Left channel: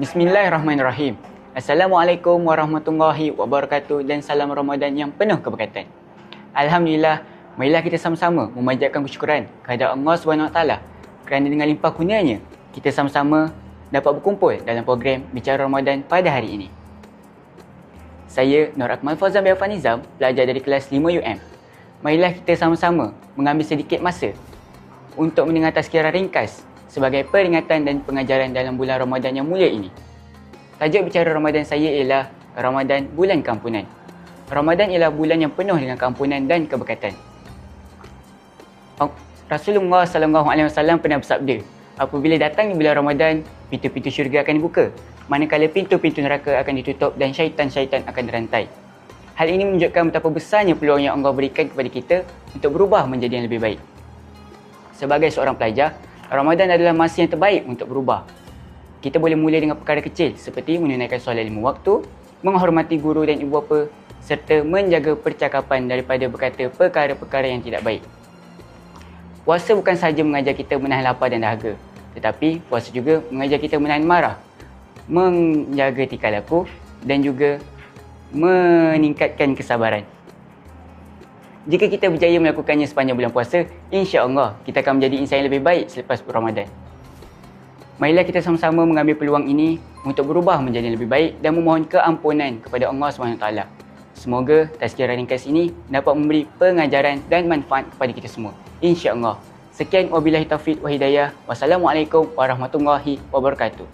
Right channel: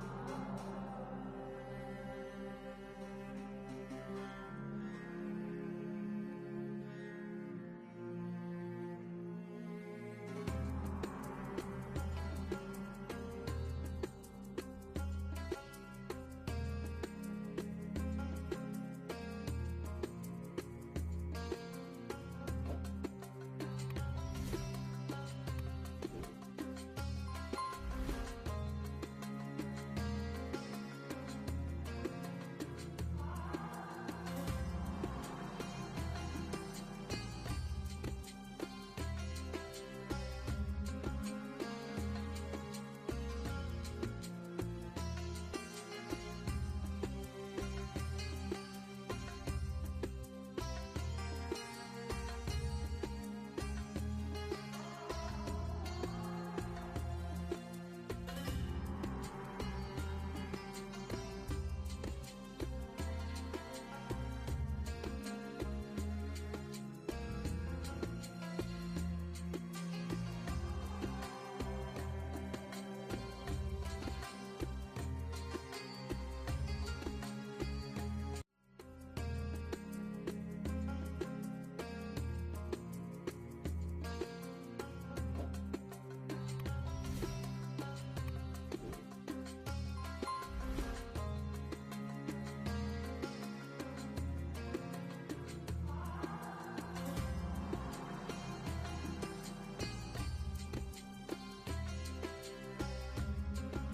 Bismillahirrahmanirrahim. Assalamualaikum warahmatullahi wabarakatuh dan salam Ramadan yang penuh keberkatan. Alhamdulillah, marilah kita sama-sama memanjatkan kesyukuran kepada Allah SWT kerana dengan limpah kurnianya kita sama-sama dapat berkumpul dalam program Bicara Ramadan pada hari ini. Saya Nur Akmal Fauzan bin Affan Nizam, pelajar dari kelas 5 UM. Marilah kita sama-sama mengambil sedikit masa untuk mendengar tazkirah ringkas sebagai peringatan dan pengajaran dalam bulan Ramadan yang mulia ini. Tajuk bicara Ramadan saya ialah Ramadan Bulan Keampunan. Ramadan ialah bulan yang penuh dengan keampunan dan keberkatan. Rasulullah SAW pernah bersabda, apabila datang di bulan Ramadan, pintu-pintu syurga akan dibuka, manakala pintu-pintu neraka akan ditutup dan syaitan-syaitan akan dirantai. Hal ini menunjukkan betapa besarnya peluang yang Allah berikan kepada kita untuk berubah menjadi yang lebih baik. Sebagai seorang pelajar, Ramadan adalah masa yang terbaik untuk berubah. Kita boleh mula dengan perkara kecil seperti menunaikan solat 5 waktu, menghormati guru dan ibu bapa, serta menjaga percakapan daripada berkata perkara-perkara yang tidak baik. Puasa bukan sahaja mengajar kita menahan lapar dan dahaga, tetapi puasa juga mengajar kita menahan marah, menjaga tingkah laku dan juga meningkatkan kesabaran. Jika kita berjaya melakukannya sepanjang bulan puasa, insya-Allah kita akan menjadi insan yang lebih baik selepas Ramadan. Marilah kita sama-sama mengambil peluang ini untuk berubah menjadi lebih baik dan memohon keampunan kepada Allah SWT. Semoga tazkirah ringkas ini dapat memberi pengajaran dan manfaat kepada kita semua, insya-Allah. Sekian, wabillahi taufiq wa hidayah. Wassalamualaikum warahmatullahi wabarakatuh.